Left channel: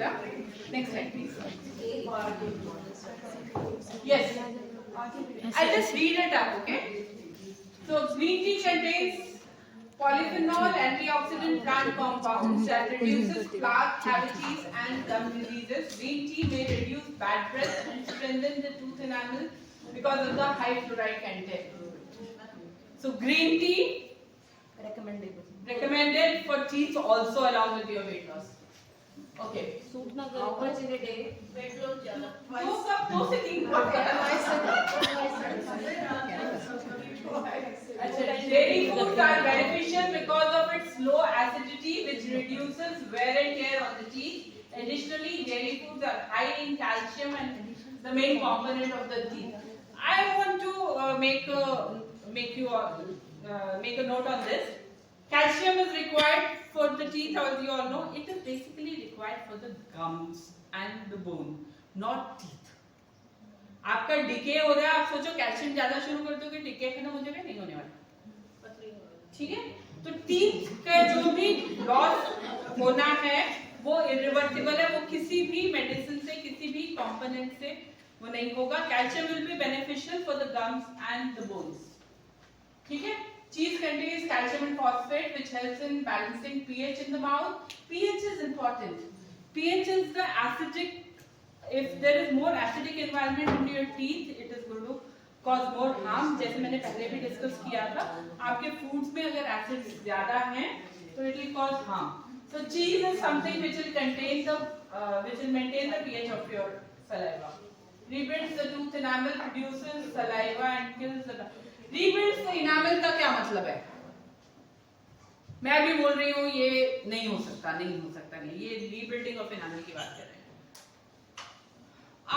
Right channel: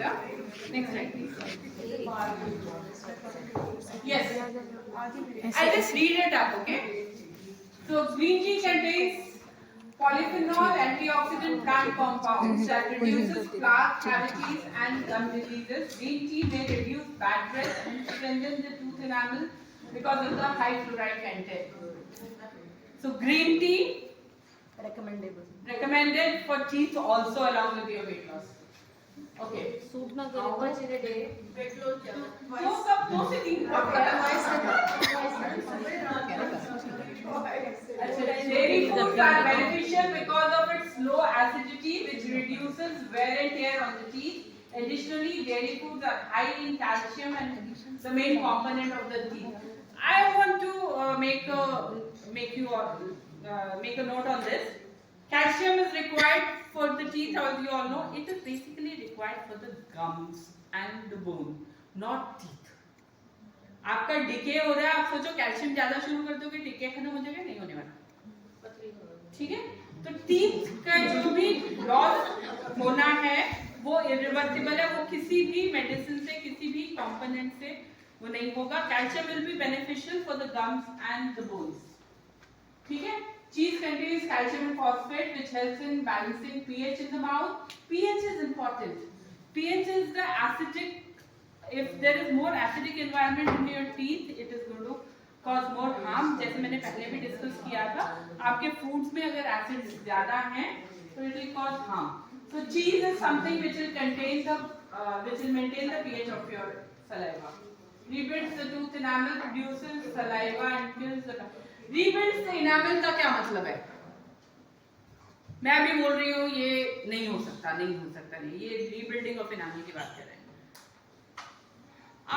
beta. Next slide, please. Yes. I'll just read it up, okay? So green tea contains polyphenol antioxidant plant compounds that reduces plaque, cavities and gum diseases. Green tea may reduce bad breath and strengthen the tooth enamel because of the high fluoride content. So green tea recommended for teeth also along with your weight loss. Okay. How much in a day? दो से तीन Dairy foods are beneficial because of its low acidity, which reduces wear and tear on the teeth. Additionally, dairy foods are high in calcium and the main component of the teeth. I want to make a note on this. Calcium is required for the teeth, as you all know. It is basically required for the gums and the bone, not teeth. आपका decay हो रहा है, आप सोचो calcium ज्यादा शुरू कर दोगे, डिके खत्म हो जाएगा, नहीं होने वाला. ठीक है? तो टीथ का जो भी लॉस होना है वो इरिवर्सिबल है, वो किसी भी मेडिसिन से, किसी भी कंपोनेंट से वो नहीं होगा. Calcium will be beneficial for the gums and the bones. ठीक है? Cheese contains calcium and phosphate, which helps in balancing pH in the mouth. pH is important. pH is the acidic. If there is more acidic environment in your teeth, it is going to cause more harm. जैसे मैंने पहले भी discuss किया था, आपके foods में अगर acids ज़्यादा हैं, तो it will cause harm. So cheese is something which will contain the, which will maintain the pH of your saliva. Rebuilds the tooth enamel, produces saliva and kills the. Rebuilds the enamel का क्या मतलब है? मैं अभी बोल रही हूँ ये नहीं हो सकता, नहीं. ये rebuilding of enamel की बात कर रहे हैं.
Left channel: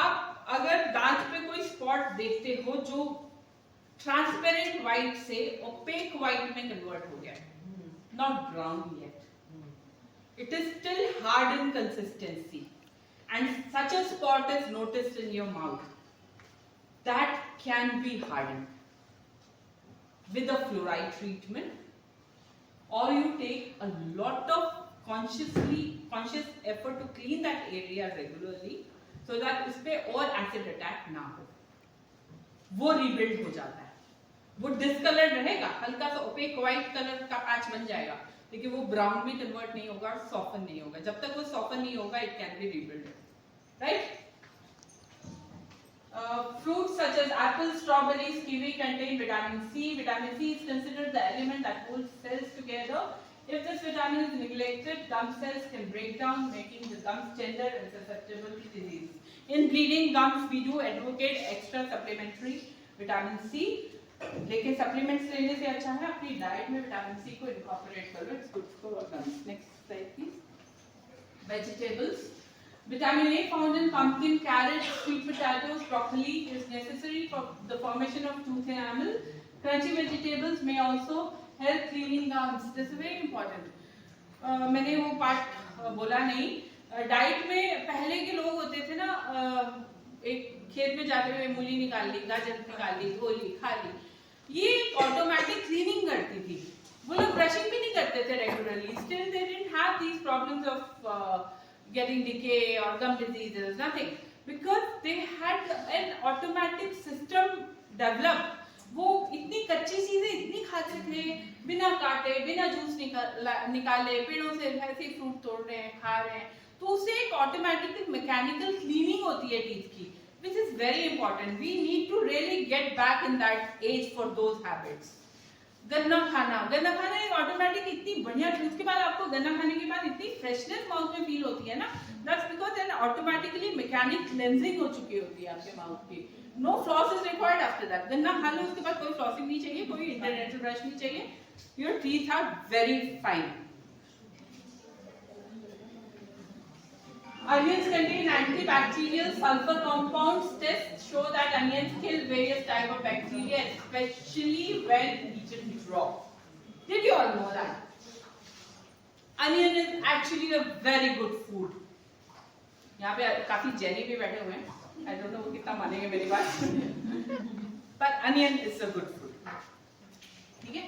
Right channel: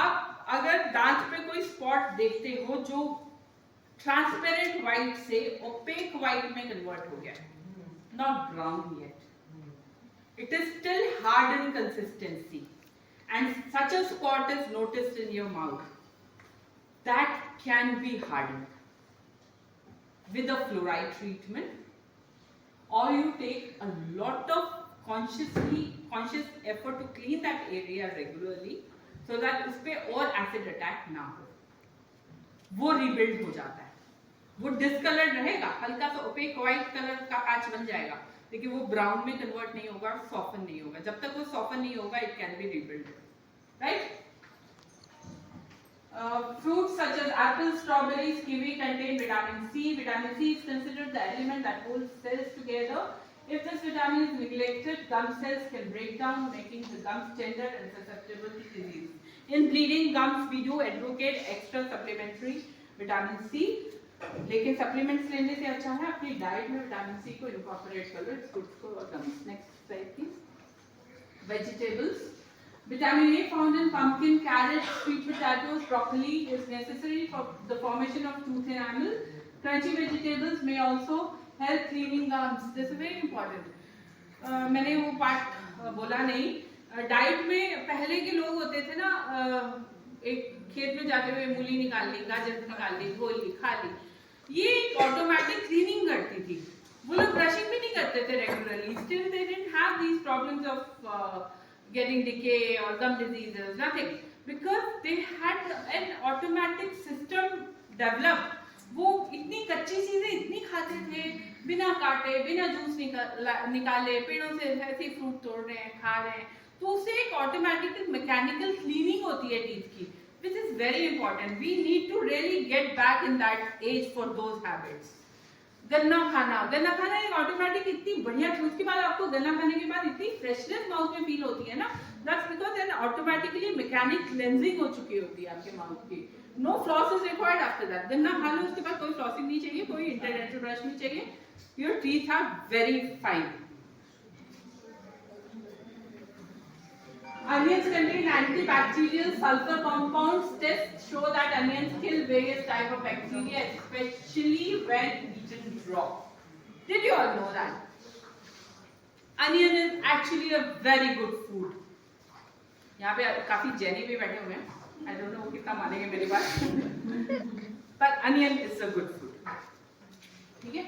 आप अगर दांत पे कोई स्पॉट देखते हो जो ट्रांसपेरेंट व्हाइट से ओपेक व्हाइट में कन्वर्ट हो गया, not brown yet, it is still hard in consistency and such a spot is noticed in your mouth, that can be harden with a fluoride treatment, or you take a lot of conscious effort to clean that area regularly so that उस पे और acid attack ना हो. वो rebuild हो जाता है. वो discolored रहेगा, हल्का सा opaque white color का patch बन जाएगा, लेकिन वो brown में convert नहीं होगा और soften नहीं होगा. जब तक वो soften नहीं होगा, it can be rebuilt, right? Fruits such as apples, strawberries, kiwi contain vitamin C. Vitamin C is considered the element that holds cells together. If this vitamin is neglected, gum cells can break down, making the gums tender and susceptible to disease. In bleeding gums, we do advocate extra supplementary vitamin C. लेकिन supplements लेने से अच्छा है अपनी diet में vitamin C को incorporate कर लो. It's good for gums. Next slide, please. Vegetables. Vitamin A found in pumpkin, carrots, sweet potatoes, broccoli is necessary for the formation of tooth enamel. Crunchy vegetables may also help cleaning gums. This is very important. मैंने वो part बोला नहीं. Diet में पहले के लोग होते थे ना, एक खेत में जाते हुए मूली निकाल ली, गाजर निकाल ली, धो ली, खा ली. ये ऑटोमेटिक क्लीनिंग करती थी. वो लोग ब्रशिंग भी नहीं करते थे regularly. Still they didn't have these problems of getting decay or gum diseases, nothing, because they had an automatic system developed. वो इतनी कच्ची चीजें इतनी खाते थे, बिना काटे, बिना जूस निकाले, पेड़ों से ऐसे फ्रूट तोड़ रहे हैं, खा रहे हैं, तो उससे एक ऑटोमेटिक मैकेनिकल क्लीनिंग होती है टीथ की, which is very important. We need to really get back in that age for those habits. गन्ना खाना एक ऑटोमेटिक इतनी बढ़िया जूस के बाद आपको गन्ना खाने के बाद इतनी फ्रेशनेस माउथ में फील होती है ना, that's because then automatically mechanic cleansing हो चुकी होती है आपके माउथ की. No floss is required after that. गन्ना खा लो, उसके बाद कोई फ्लॉसिंग नहीं चाहिए, कोई इंटरनेशनल ब्रश नहीं चाहिए. Your teeth are very fine. Onions contain antibacterial sulfur compounds. Tests show that onions kill various types of bacteria, especially when eaten raw. Did you all know that? Onion is actually a very good food. यहाँ पे काफी jenny भी बैठे हुए हैं. I don't know वो कितना मानेंगे मेरी बात. But onion is a good food. ठीक है?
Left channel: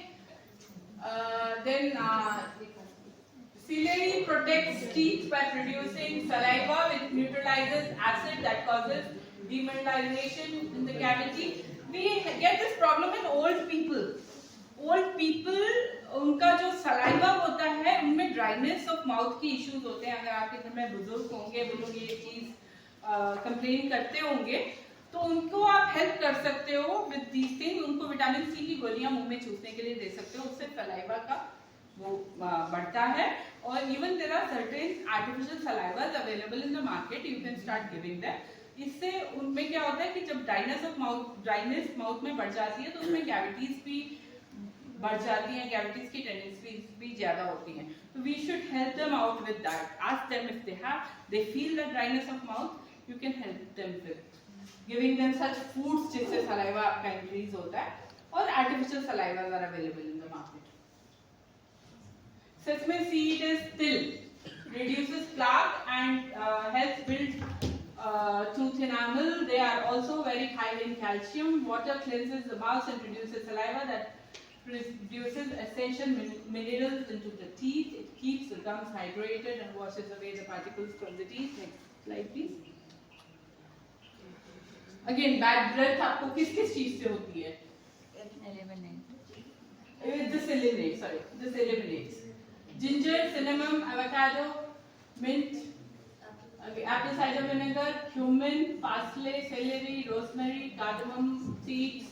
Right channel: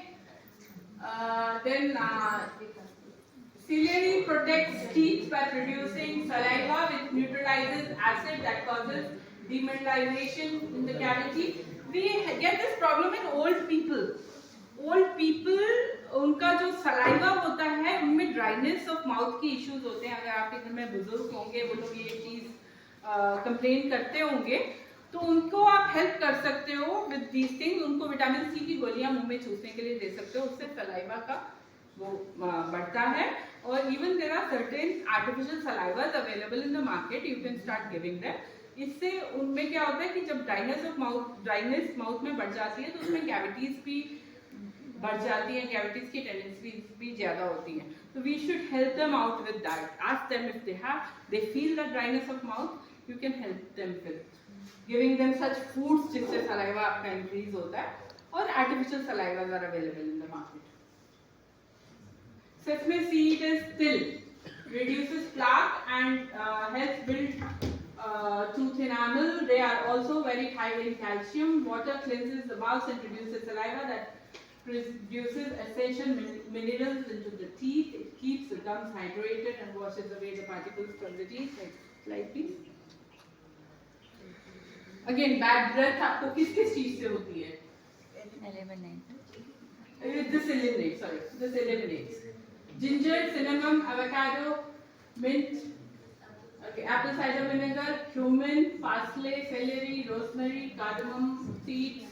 Then celery protects teeth by producing saliva neutralizes acid that causes demineralization in the cavity. We get this problem in old people. Old people, उनका जो saliva होता है उनमें dryness of mouth की issues होते हैं. अगर आपके घर में बुजुर्ग होंगे वो लोग ये चीज complain करते होंगे तो उनको आप help कर सकते हो with these things. उनको विटामिन सी की गोलियां मुंह में चूसने के लिए दे सकते हो, उससे saliva का वो बढ़ता है. और even there are certain artificial salivas available in the market, you can start giving them. इससे उनमें क्या होता है कि जब ड्राइनेस माउथ में बढ़ जाती है तो उसमें कैविटीज भी बढ़ जाती हैं, कैविटीज की टेंडेंसीज भी ज्यादा होती हैं. तो we should help them out with that. Ask them if they feel the dryness of mouth, you can help them with giving them such foods जिससे सलाइवा आपका इंक्रीज होता है. और artificial salivas are available in the market. Sesame seed is still reduces plaque and helps build tooth enamel. They are also very high in calcium. Water cleanses the mouth and produces saliva that produces essential minerals into the teeth. It keeps the gums hydrated and washes away the particles from the teeth. Next slide, please. Again, bad breath आपको किस चीज से होती है? This eliminates. Ginger, cinnamon, avocado, mint, apple cider vinegar, cumin, parsley, celery, rosemary, cardamom, seeds,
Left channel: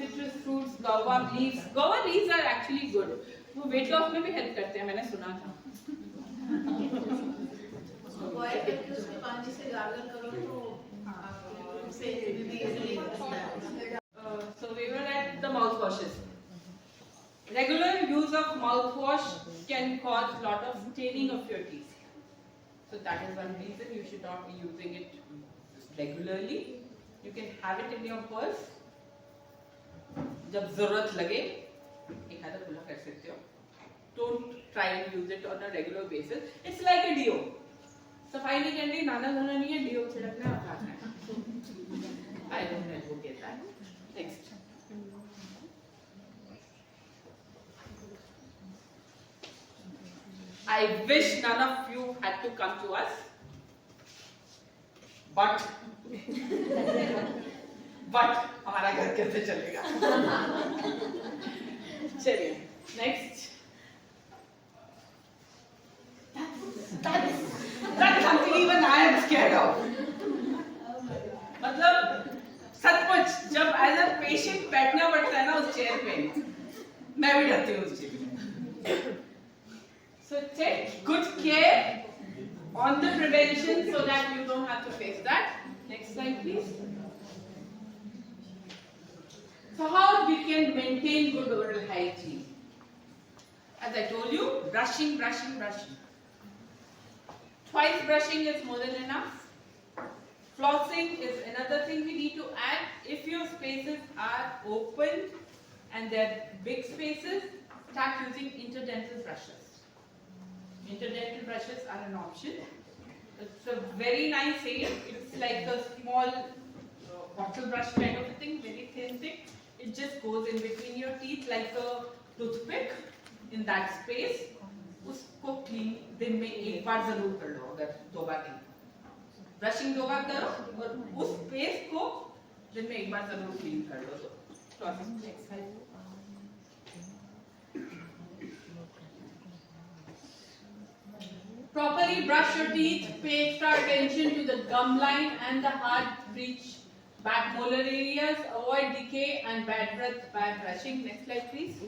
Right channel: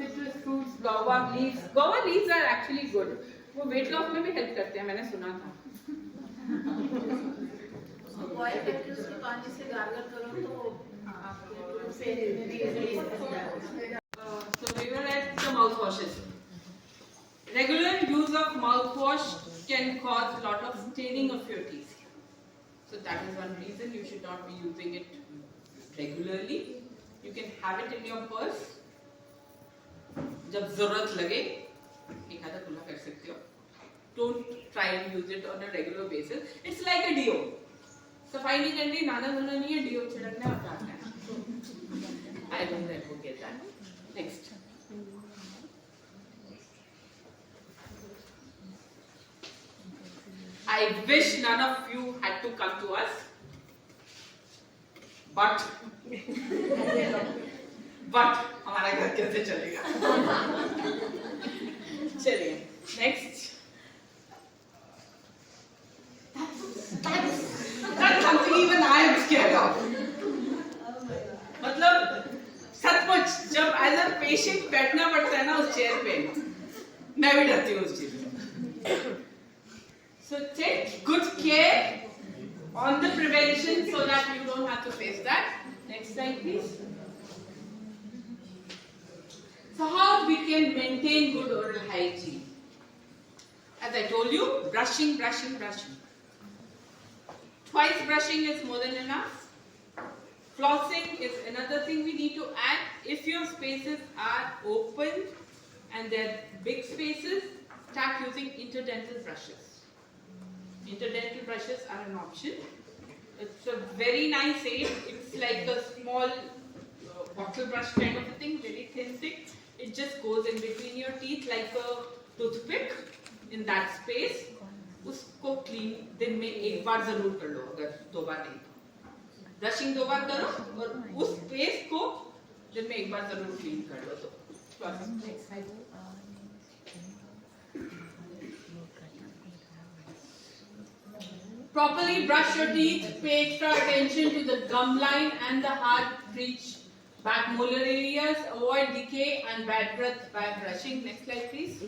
citrus fruits, guava leaves. Guava leaves are actually good. वो weight loss में भी help करते हैं, मैंने सुना था. उसको boil करके उसके पानी से gargle करो तो आपके tooth से easily. So we were at the mouthwashes. Regular use of mouthwash can cause a lot of staining of your teeth. So that is one reason you should not be using it regularly. You can have it in your purse. जब जरूरत लगे एक आधा खुला कर सकते हो. Don't try and use it on a regular basis. It's like a deo. सफाई नहीं करनी, नाना धोना नहीं है, deo छिड़कने और लगाना है. I don't know who get that. Next. I wish none of you had to come to us, but हमारा घर कैसे चलेगा? चलिए next. That's something even I am scared of. मतलब सचमुच जब as a patient बैठना पड़ता है ना उस चेयर पे, मैं भी डरती हूँ उस चीज में. So take good care on the prevention so that you don't have to face that. Next slide, please. So how we can maintain good oral hygiene? As I told you, brushing. Twice brushing is more than enough. Flossing is another thing we need to add. If your spaces are open and they're big spaces, start using interdental brushes. Interdental brushes are an option. It's a very nice aid. It's like a small bottle brush kind of a thing, very thin thing. It just goes in between your teeth like a toothpick in that space. उसको clean दिन में एक बार जरूर कर लो, अगर 2 बार नहीं. Brushing 2 बार करो और उस space को दिन में एक बार जरूर clean कर लो. तो next slide. Properly brush your teeth. Pay extra attention to the gum line and the hard breech back molar areas. Avoid decay and bad breath by brushing. Next slide, please.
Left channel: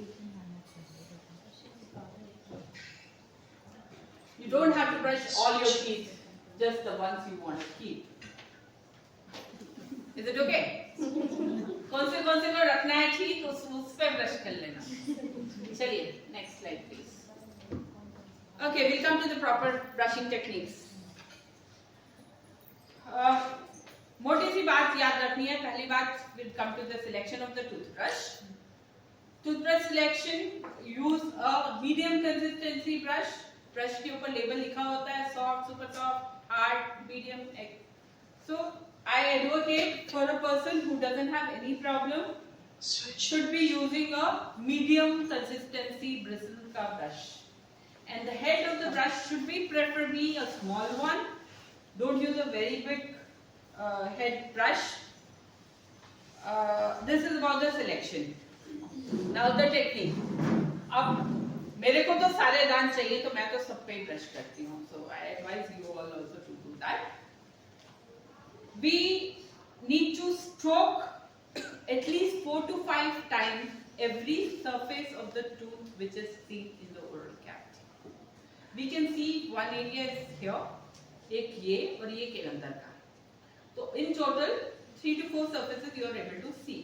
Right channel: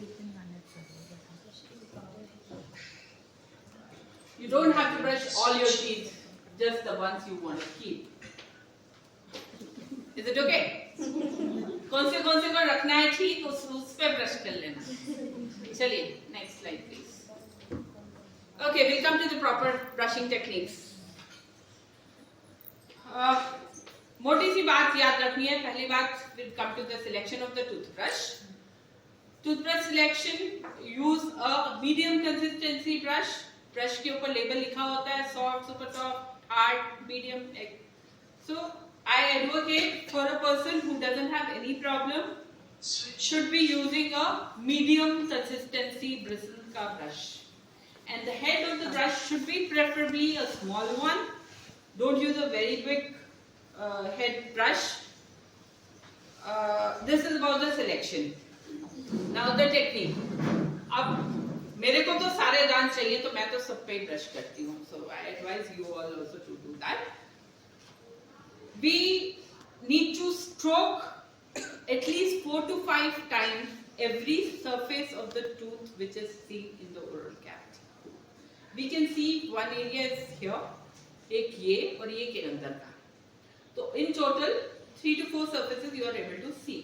You don't have to brush all your teeth, just the ones you want to keep. Is it okay? कौन से को रखना है ठीक उस पे brush कर लेना. चलिए next slide, please. Okay, we'll come to the proper brushing techniques. मोटी सी बात याद रखनी है. पहली बात, we'll come to the selection of the toothbrush. Toothbrush selection, use a medium consistency brush. Brush के ऊपर label लिखा होता है, soft, super soft, hard, medium. So I advocate for a person who doesn't have any problem should be using a medium consistency bristle का brush. And the head of the brush should be preferably a small one Don't use a very big head brush. This is about the selection. Now the technique. अब मेरे को तो सारे दांत चाहिए तो मैं तो सब पे ब्रश करती हूँ. So I advise you all also to do that. We need to stroke at least 4 to 5 times every surface of the tooth which is seen in the oral cavity. We can see one area is here, एक ये और ये के अंदर का. तो in total 3 to 4 surfaces you are able to see.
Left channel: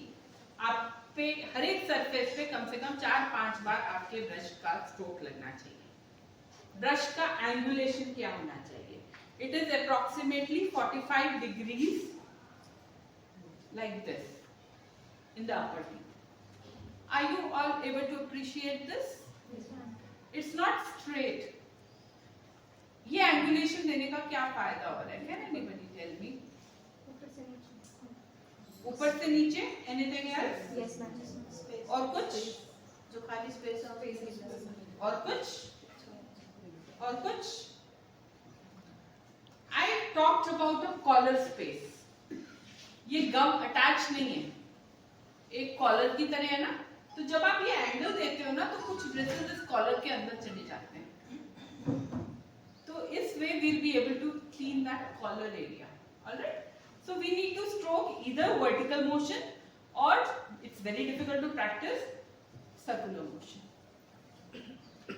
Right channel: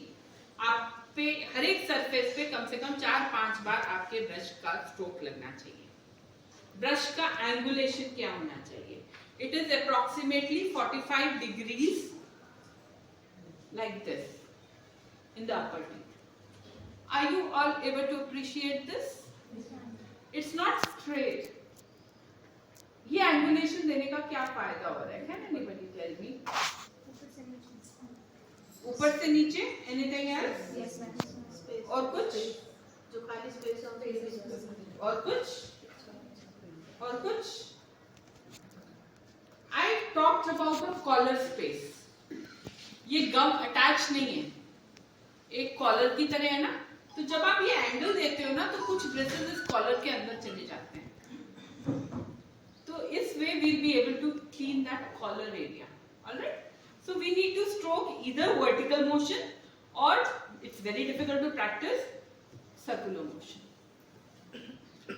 आप पे हर एक सरफेस पे कम से कम 4-5 बार आपके ब्रश का स्ट्रोक लगना चाहिए. ब्रश का एंगुलेशन क्या होना चाहिए? It is approximately 45 degrees like this in the upper teeth. Are you all able to appreciate this? It's not straight. ये एंगुलेशन देने का क्या फायदा हो रहा है? Can anybody tell me? ऊपर से नीचे? Anything else? Yes, ma'am. और कुछ? जो खाली स्पेस है और कुछ? और कुछ? I talked about the collar space. ये गम अटैच नहीं है, एक कॉलर की तरह है ना. तो जब आप ये एंगल देते हो ना तो कुछ ब्रिसल्स इस कॉलर के अंदर चले जाते हैं. तो इस वे we'll be able to clean that collar area. All right. So we need to stroke either vertical motion or it's very difficult to practice circular motion.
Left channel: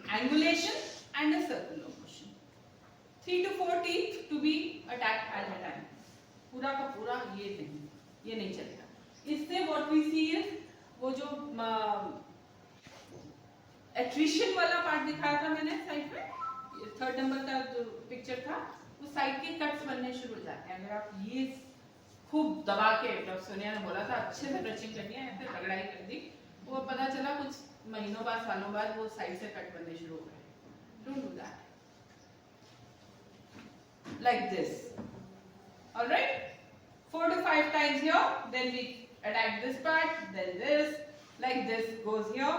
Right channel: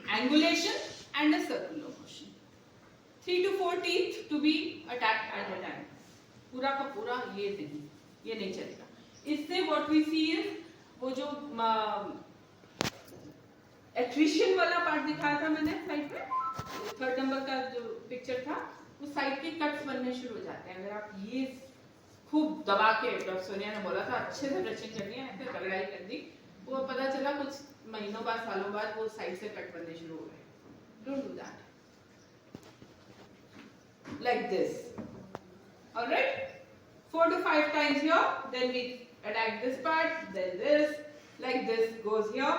Angulation and a circular motion. 3 to 4 teeth to be attacked at a time. पूरा का पूरा ये नहीं चलेगा. इससे what we see is वो जो attrition वाला पार्ट दिखाया था मैंने साइड पे, 3rd नंबर का जो पिक्चर था, वो साइड के कट्स बनने शुरू हो जाते हैं. अगर आप ये खूब दबा के, डॉक्टर सोनिया ने बोला था अच्छे से ब्रशिंग करनी है, ऐसे रगड़ाई कर दी, वो पता चला कुछ महीनों बाद सालों बाद वो साइड से कट बनने शुरू हो गए. Don't do that. Like this. All right. 4 to 5 times here. Then we attack this part. Then this. Like this goes here.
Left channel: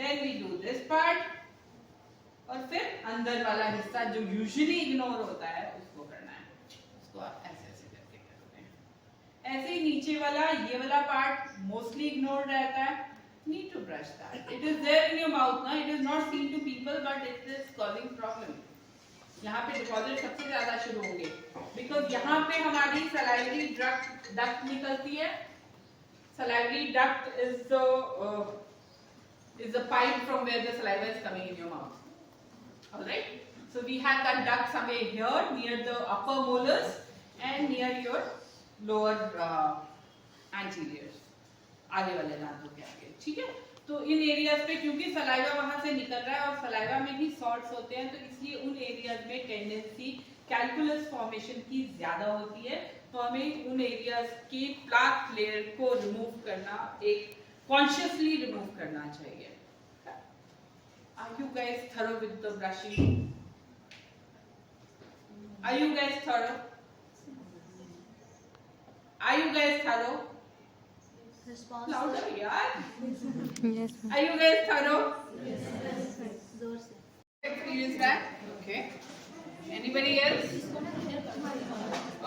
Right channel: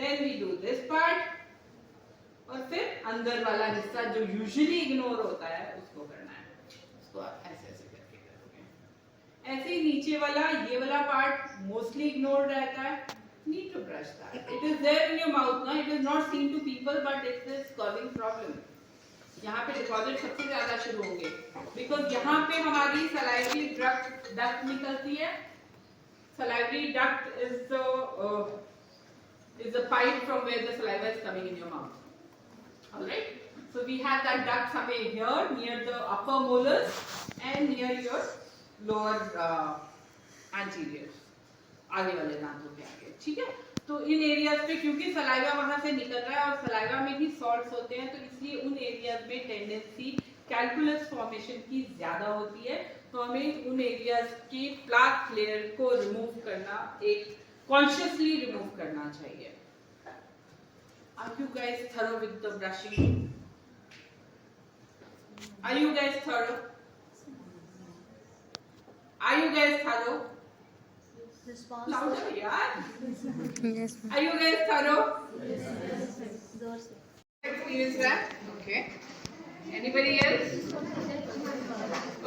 Then we do this part. और फिर अंदर वाला हिस्सा जो usually ignore होता है उसको करना है. उसको आप ऐसे ऐसे करके करोगे. ऐसे ही नीचे वाला ये वाला part mostly ignored रहता है. Need to brush that. It is there in your mouth ना. It is not seen to people but it is causing problem. यहाँ पे डिपॉजिट सबसे ज्यादा शुरू होंगे बिकॉज यहाँ पे हमारी सलाइवरी डक्ट निकलती है. Salivary duct is the pipe from where the saliva is coming in your mouth. All right. So we have that duct somewhere here near the upper molars and near your lower anterior, आगे वाले दांतों के आगे. ठीक है. तो इन areas पे क्योंकि सलाइवा वहां से निकल रहा है और सलाइवा में भी सॉल्ट्स होते हैं तो इसलिए उन एरियाज में टेंडेंसी कैल्कुलस फॉर्मेशन की ज्यादा होती है. तो हमें उन एरियाज की प्लाक लेयर को रिमूव करना, एक कॉन्शियसली रिमूव करना चाहिए. Are you guys through with the brushing? Are you guys through? Are you guys through? Louder, yaar. Yes, ma'am. Are you guys thorough? Yes. Experience that? Okay. Anybody else?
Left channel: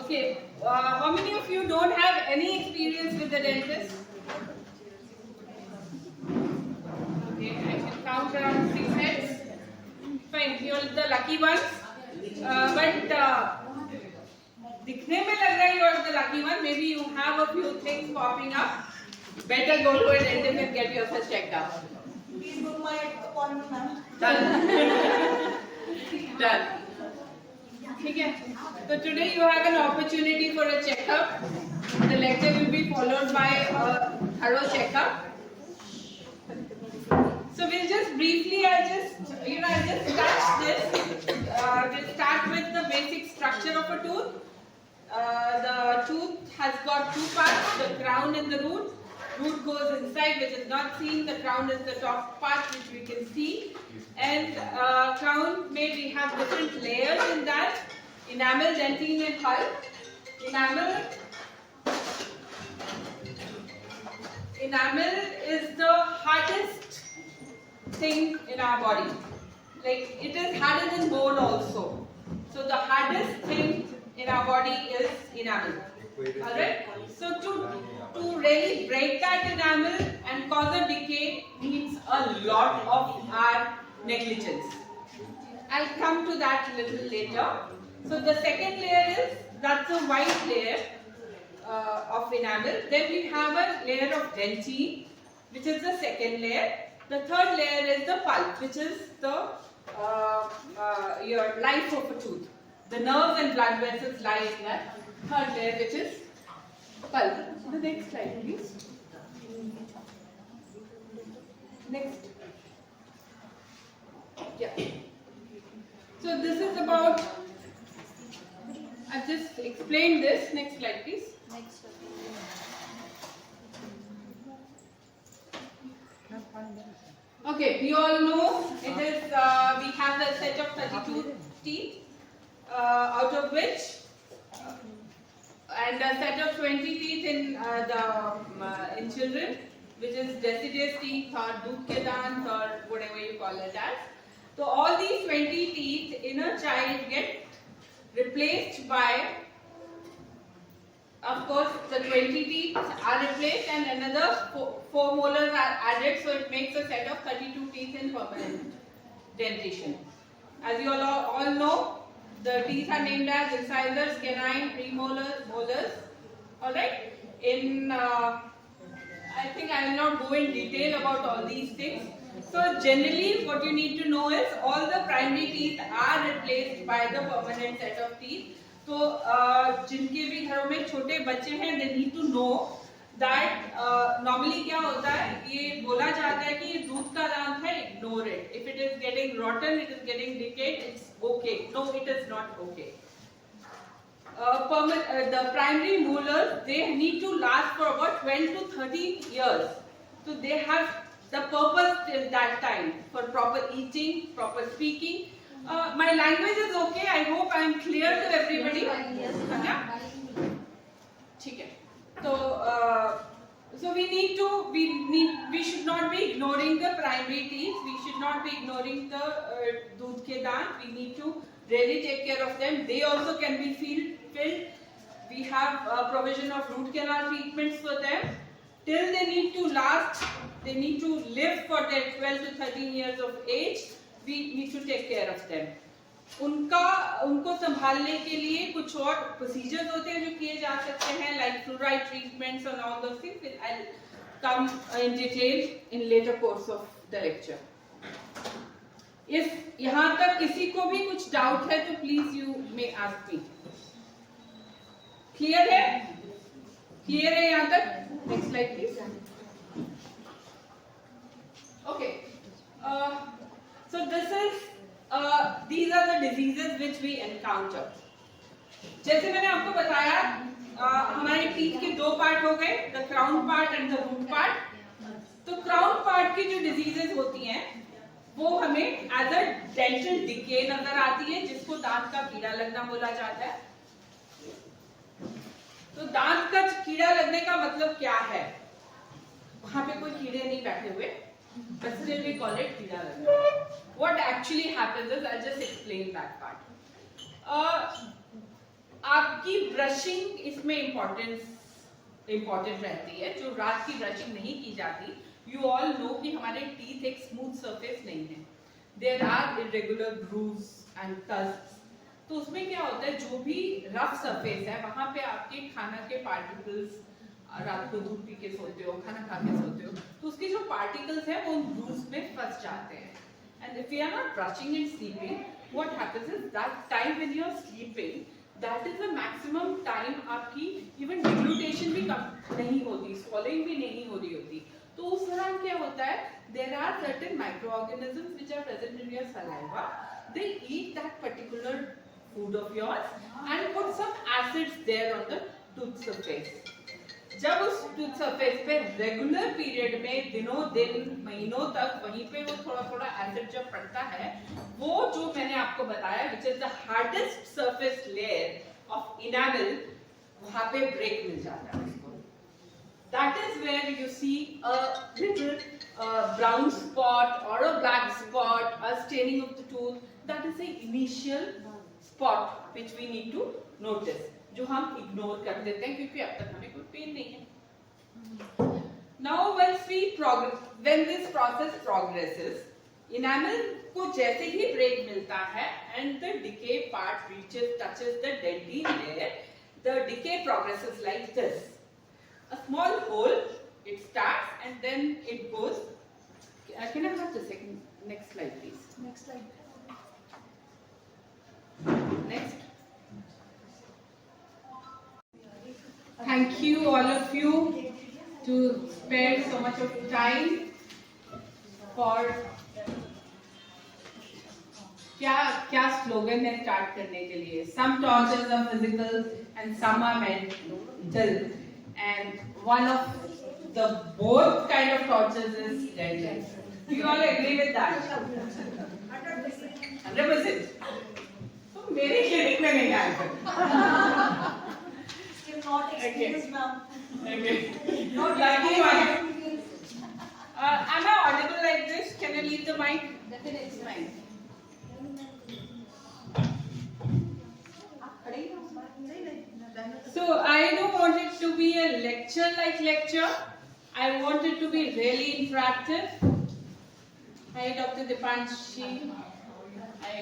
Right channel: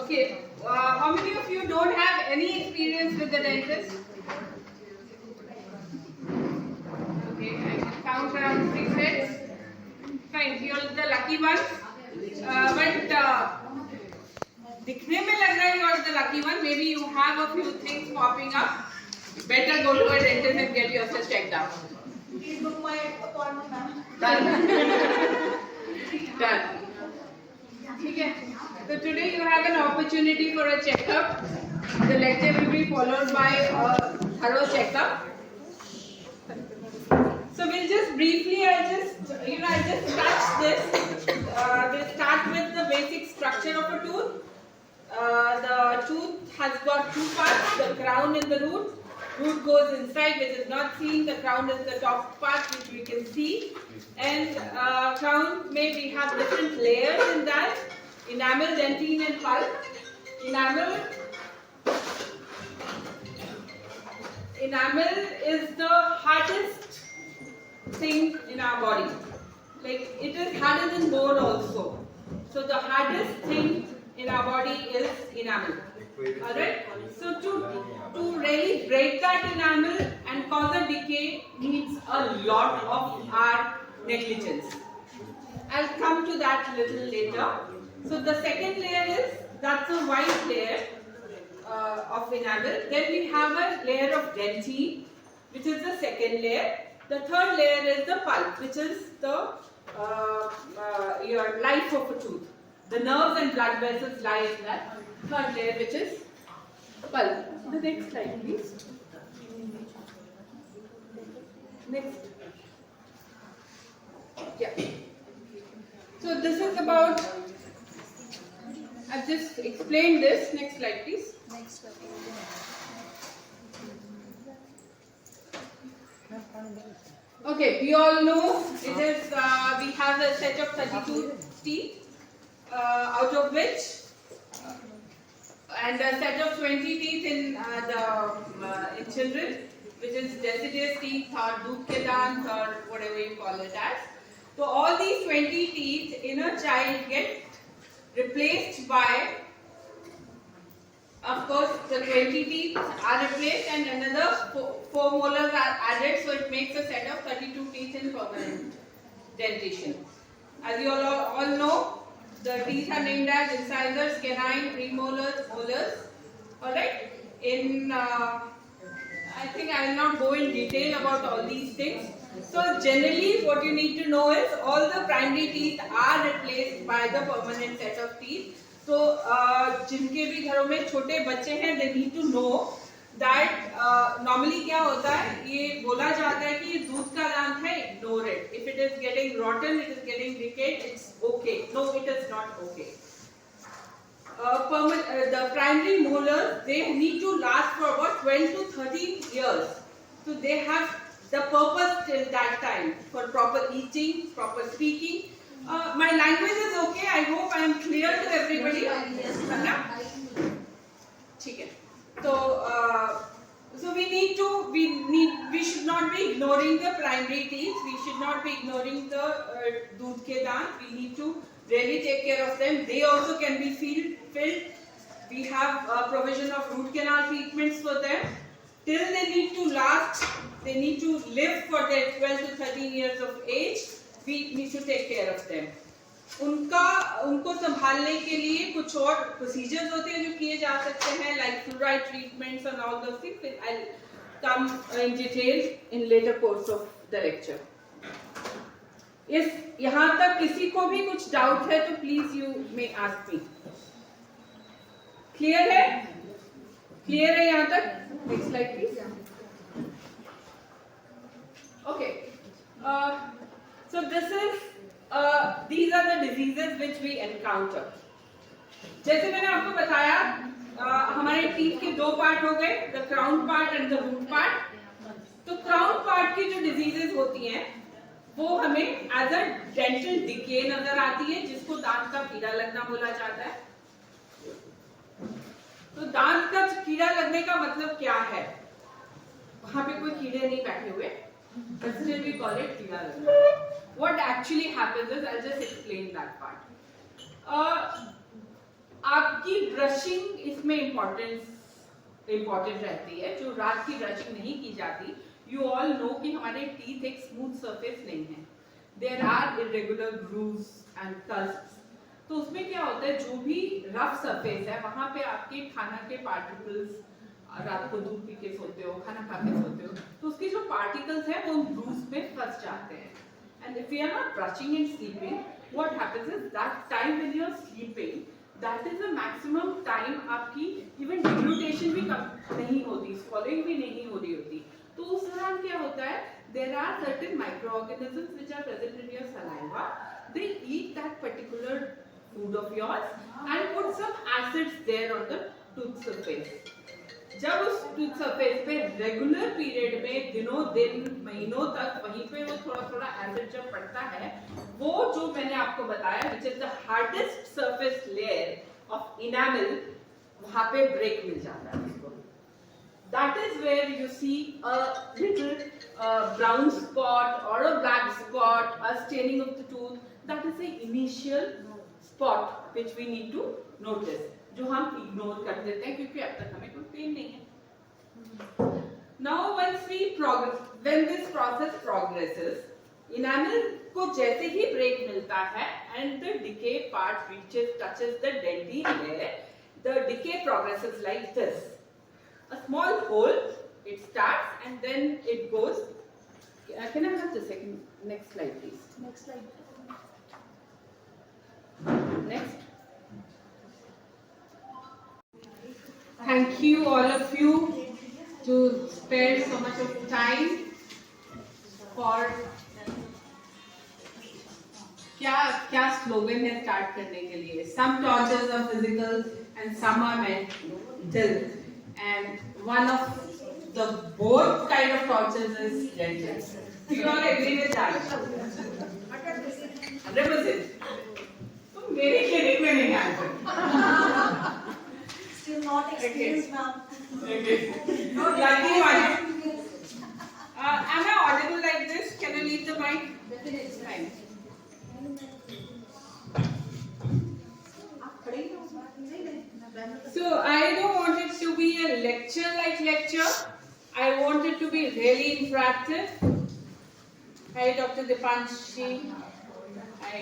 Okay. How many of you don't have any experience with the dentist? Okay, I can count around 6 heads. Fine, you're the lucky ones. But दिखने में लग रहा है you are the lucky one. Maybe you have a few things popping up. Better go to a dentist and get yourself checked out. Please book my appointment, ma'am. Done. Done. ठीक है. So today you have an opportunity for a checkup. The lecture will be followed by a thorough checkup. So we'll just briefly, I'll just touch this. We'll start with the basic structure of a tooth. The tooth has got 2 parts, the crown and the root. Root goes inside, which is not seen. The crown is the top part, which we can see. And crown, may we have different layers in that. Enamel, dentine and pulp. Enamel is the hardest thing in our body. Like, it is harder than bone also. So the hardest thing in our our body is enamel. Alright? So to really break that enamel and cause a decay needs a lot of our negligence. I'll come to that a little later. So the second layer is, that's a white layer of enamel. Then we have a layer of dentine, which is the second layer. The third layer is the pulp, which is the your life of a tooth. The nerves and blood vessels lie in that third layer, which is pulp. The next slide, please. Next. Yeah. So this is about, I've just explained this. Next slide, please. Next. Okay, we all know it is, we have a set of 32 teeth, out of which, and a set of 20 teeth in in children, which is deciduous teeth or tooth ke dant or whatever you call it as. So all these 20 teeth in a child get replaced by, of course, the 20 teeth are replaced and another 4 molars are added, so it makes a set of 32 teeth in permanent dentition. As you all know, the teeth are named as incisors, canine, premolars, molars. Alright? In I think I will not go in detail about all these things. So generally what you need to know is all the primary teeth are replaced by the permanent set of teeth. तो जिनके भी घरों में छोटे बच्चे हैं, they need to know that normally क्या होता है, ये बोला जाता है कि ये दूध का दांत है, ignore it. If it is getting rotten, it is getting decayed, it's okay. No, it is not okay. The primary molars, they need to last for about 12 to 13 years. So they have the purpose till that time for proper eating, proper speaking. My language is okay. I hope I am clear to everybody. ठीक है. So we should not be ignoring the primary teeth. We should not be ignoring the दूध के दांत. We need to really take care of them. They also can be filled. We have a provision of root canal treatments for them. Till they need to last, they need to live for their 12 to 13 years of age. We need to take care of them. उनको संभालने के लिए कुछ और procedures होते हैं जो किए जा सकते हैं, like fluoride treatments and all those things. I'll come in detail in later course of the lecture. इस यहाँ तक किसी को भी कुछ डाउट है तो please you may ask me. Clear है? क्लियर है यहाँ तक? Next slide please. Okay, so these are the diseases which we encounter. जैसे मैंने आपको बताया, हमारे टीथ के 2 पार्ट हो गए, the crown part and the root part. तो crown part की जो diseases होती हैं वो हमें एज अ डेंटल डिके नजर आती है, जिसको दांत का कीड़ा लगना बोला जाता है. तो दांत का कीड़ा लगने का मतलब क्या है? वहां पे कोई कीड़े नहीं बैठे हुए, but still we call it कीड़ा लगना. What actually happens is, I'll just explain that part. आपकी ब्रशिंग इसमें इम्पोर्टेंट रहती है. जो रात की ब्रशिंग नहीं की जाती, you all know कि हमारे teeth एक smooth surface नहीं है. There are irregular grooves and cusps. तो उसमें क्या होता है, जो भी rough surface है वहाँ पे आपके खाना के particles, रात को दूध पी के सोते हो, खाना खा के सोते हो, तो उसके जो particles हैं वो grooves में फंस जाते हैं. And if we are not brushing and sleeping, what happens is that time when you are sleeping, that is the maximum time आपकी even deglutition भी कम नहीं होती, swallowing भी नहीं हो रही होती. तो उस दौरान क्या होता है, there are certain microorganisms which are present in your saliva. They eat that particular food of yours and put some acids there on the tooth surface. जब उस tooth surface पे regular period में दिनों दिन महीनों तक वहीं पे वो थोड़ा थोड़ा acid जब पड़ता है, वो जो मैंने आपको बताया, which is the hardest surface layer of enamel, वहाँ पे break मिल जाता है. That is where you see a little brown spot or a black spot, a staining of the tooth. That is the initial spot which we need to notice, जो हम ignore कर देते हैं क्योंकि अब तक हमें कोई पेन नहीं है. Now when this process progresses, enamel को जैसे ही break मिलता है and the decay part touches the dentine layer, the decay progresses like this. A small hole, it starts and then it goes. Can I have the next slide, please? Next slide. Next. Thank you, all of you, to spare so much of time for. क्या slogan है start करने के लिए? Some tortures are physical and some are mental, and one of the both kind of tortures is dental. Do you all agree with that? 100%. तो मेरे clinic में नहीं आया. Still not experienced, ma'am. Okay. No, lucky one. Am I audible like this? Can I leave the mic? Definitely. Fine. So I don't want it to be a lecture like lecture. I want it to be really interactive. Hi, Dr. Dipanshi. I